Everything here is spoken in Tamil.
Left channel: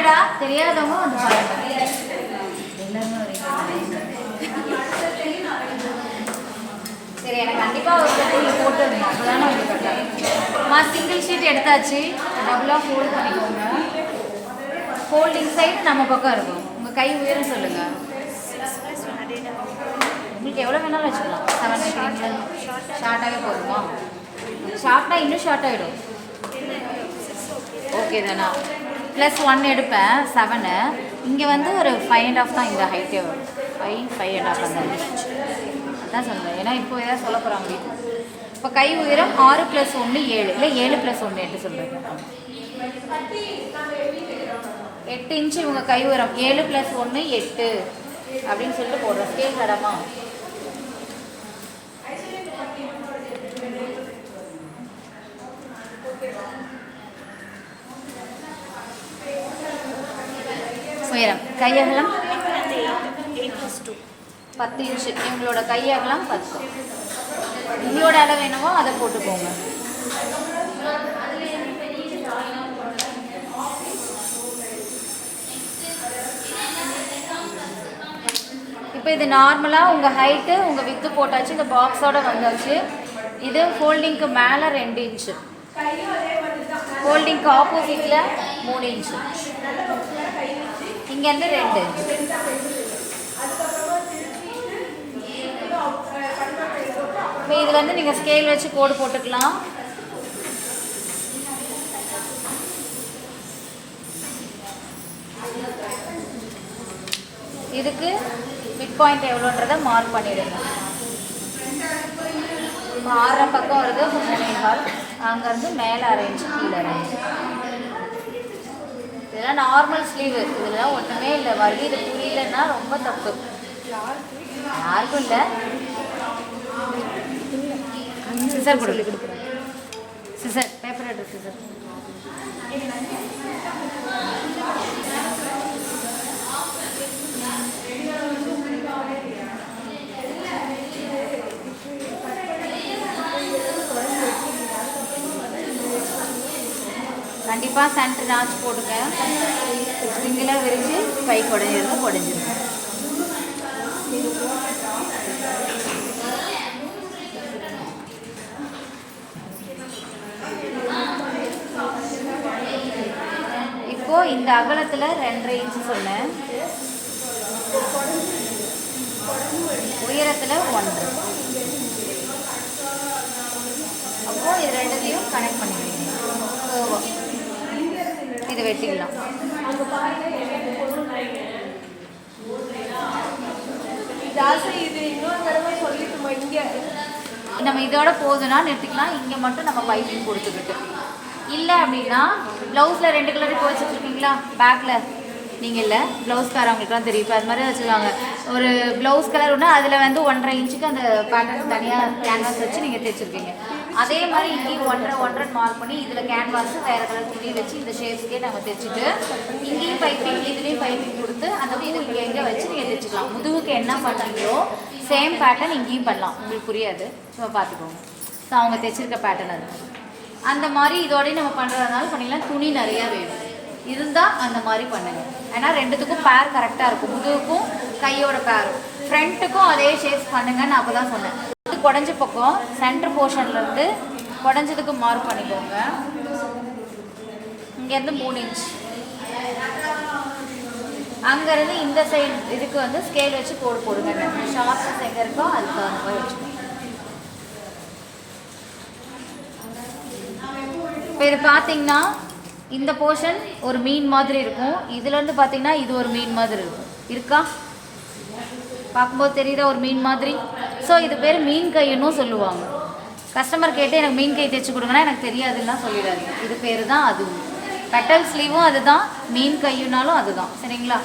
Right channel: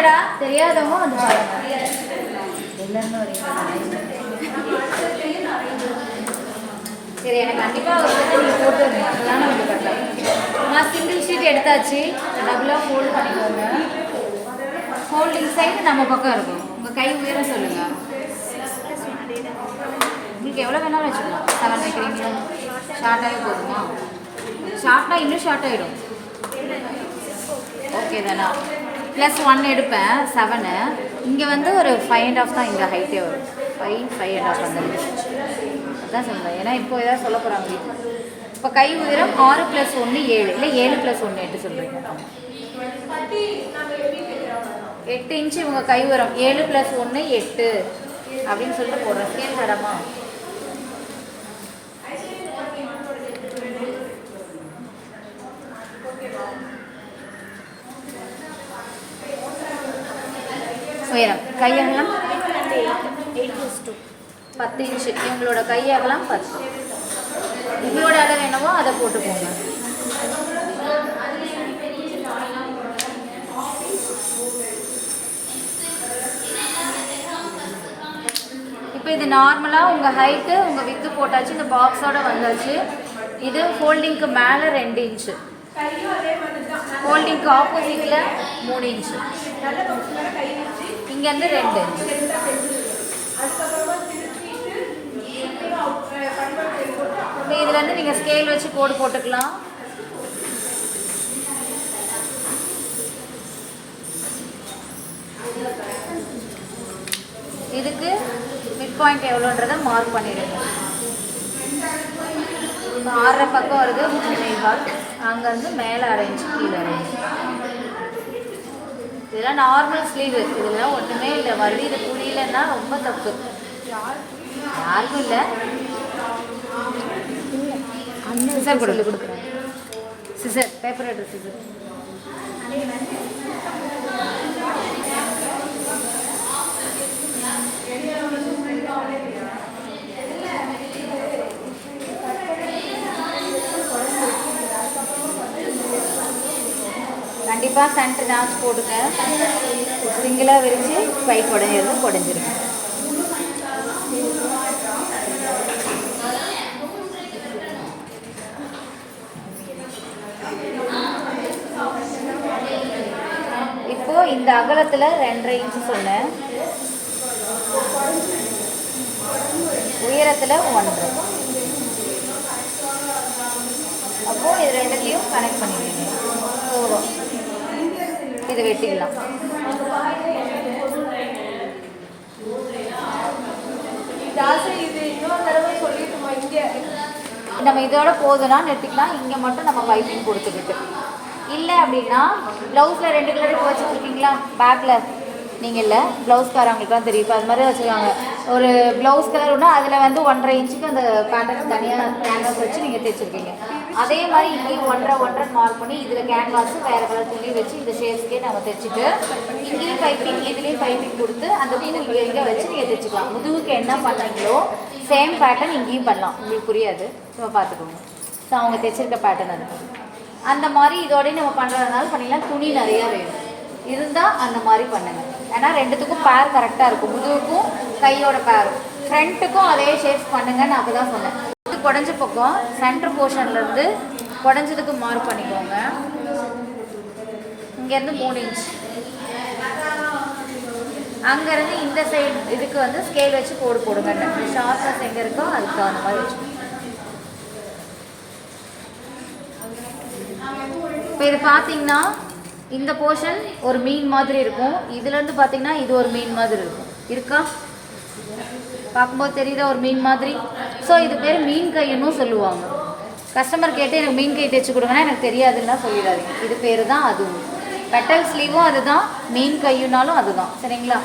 வாங்கடா, தெரியாதவங்க வந்து பாருங்க. எல்லாமே சரி, எனக்கு கண்டிப்பாக ஒரு போட்டு போட்டுருங்க, அப்போதான் நான் கரெக்டாக. சிங்கிள் ஷீட் எடுத்தாச்சு, டபுளாக ஃபோல்ட் பண்ணிக்கோங்க. ஃபோல்டிங் சைடு நம்ம பக்கம் இருக்கும். உங்கள் கை உயரம் சொல்லுங்கள். உங்களுக்கு எவ்வளோ வேணாலும் வச்சுக்கலாம். 7 வைக்கிறீங்களா? ஷார்ட்டாகவே போதுமா? ஷார்ட்னா இன்னும் ஷார்ட் ஆகிடும். ஓகே தானா? +1 எடுப்பேன் 7. இங்கே வந்து ஒரு 5.5 தான் இந்த ஹைட்டே வரும். 5.5 அந்த அதான் சொல்லுங்கள். ஏன்னா இப்போ ஏதாவது சொல்ல போகிறாங்க. இப்போ கை உயரம் 6 + 1 7, இல்லை 7 + 1 8 சொல்கிறீங்க. 8 இன்ச்சு இவங்க கை உயரம். 7 + 1 8 அப்படின்னு சொல்லிட்டு போடுறோம். ஸ்கேல் மேடமா? உயரம் கை அகலம் 10 இன்ச்சு. எங்களோட கை அகலம் 10. இதோட அளவு என்னவோ அதை போட்டுக்கோங்க. இப்போ இது நார்மலாக உங்கள் ஹைட்டு உங்கள் வித்து போட்டாச்சு. இந்த பாக்ஸோடு வந்தாச்சு. இது ஃபோல்டிங்க்கு மேலே 2 இன்ச்சு, ஃபோல்டிங்க்கு ஆப்போசிட்டில் 3 இன்ச்சு, இங்கேருந்து 2 இன்ச்சு. இப்போ இதுலேருந்து நீங்கள் ஸ்கேல் வச்சு கோடு போட்டுக்கலாம். இதுக்கு மிட் பாயிண்ட் எவ்வளோன்றதை மார்க் பண்ணிடுங்க. இப்போ 6 பக்கம் வருது 3.25. அங்கேருந்து மேலே அரேஞ்ச், கீழே அரேஞ்ச். இதெல்லாம் நார்மல் ஸ்லீவு. இதெல்லாம் ஒன்றுமே இல்லை. மறுபடியும் இது புரியலன்னா ரொம்ப தப்பு. யாருக்கும் இல்லை. சிசர் கொடுக்குறேன். சிசர், பேப்பர் எடுத்து சிசர். கண்டிப்பாக சென்டர் நாச்சு போடுங்க. சிங்கிளாக விரிஞ்சு கை குடஞ்சிருக்கும், குடஞ்சிருக்கும். இப்போது இந்த அகலத்தில் 2.5 இன்ச்சு சொன்னேன். உயரத்தில் 1. அப்போது இது ரெண்டுத்தையும் கனெக்ட் பண்ணிடுவீங்க. இதை வெட்டிடலாம். இது இன்னொரு தடவை சொல்லிட்டுமா? இங்கே நம்ம இதோட போதுன்னா நிறுத்திக்கலாம். இங்கே மட்டும் நம்ம பைப்பிங் கொடுத்துக்கிட்டு இல்லை அப்படின்னா ப்ளவுஸில் 2 கலர் வச்சுருக்கீங்களா பேக்கில்? நீங்கள் இல்லை, ப்ளவுஸ்காரவங்களுக்கு தான் தெரியும். இப்போ அது மாதிரி வச்சுருக்காங்க. ஒரு ப்ளவுஸ் கலர் ஒன்று, அதில் வந்து 1.5 இன்ச்சுக்கு அந்த பேட்டர்ன் தனியாக கேன்வாஸ் வச்சு நீங்கள் தைச்சிருக்கீங்க. அதே மாதிரி இங்கேயும் 1.5 மார்க் பண்ணி இதில் கேன்வாஸ் வேறு கலர் துணி வச்சு இந்த ஷேப்ஸ்க்கே நம்ம தைச்சிட்டு இங்கேயும் பைப்பிங் இதுலேயும் பைப்பிங் கொடுத்து அந்த இதை எங்கே வச்சு நீங்கள் தைச்சிக்கலாம். முதுகுக்கு என்ன பண்ணாங்களோ சேம் பேட்டர்ன் இங்கேயும் பண்ணலாம். உங்களுக்கு புரியாது, சும்மா பார்த்துக்கோங்க. ஸோ அவங்க தைச்சிருக்க பேட்டர்ன் அது அந்த மாதிரி இதோடய நம்ம பண்ணுறதுனால பண்ணிக்கலாம். துணி நிறையா வேணும் இருந்தால் அந்த மாதிரி பண்ணுங்கள். ஏன்னா ரெண்டுத்துக்கும் பேர் கரெக்டாக இருக்கும். முதுகுக்கும் கையோட பேர், ஃப்ரண்ட்டுக்கும் அதே ஷேப்ஸ் பண்ணுங்கன்னு அப்போ தான் சொன்னேன். குடஞ்ச பக்கம் சென்டர் போர்ஷன்லேருந்து குடஞ்சதுக்கு மார்க் பண்ணிக்கோங்க. இங்கேருந்து 3 இன்ச், அங்கேருந்து இந்த சைடு இதுக்கு வந்து ஸ்கேல் வச்சு கோடு போடுங்க. ஷார்ப்னஸ் எங்கே இருக்கோ அதுக்கு தகுந்த மாதிரி வச்சு. இப்போ இது பார்த்தீங்கன்னா இந்த போர்ஷன் ஒரு மீன் மாதிரி இருக்கும். இதுலேருந்து பார்த்தீங்கன்னா இது ஒரு மீன் மாதிரி இருக்கும். இருக்கா? பார்க்கும்போது தெரியுதா ஒரு மீன் மாதிரி? ஸோ இது பேர் மீன் கைன்னு சொல்லுவாங்க. கஸ்டமர் கேட்டு எனக்கு மீன் கை தைச்சி கொடுங்கன்னா எனக்கு தெரியாதுன்னா சொல்லிடாதீங்க. இது பேர் தான் அதுவும். பெட்டல் ஸ்லீவும் அதுதான், மீன் கையுனாலும் அதுதான். சரிங்களா?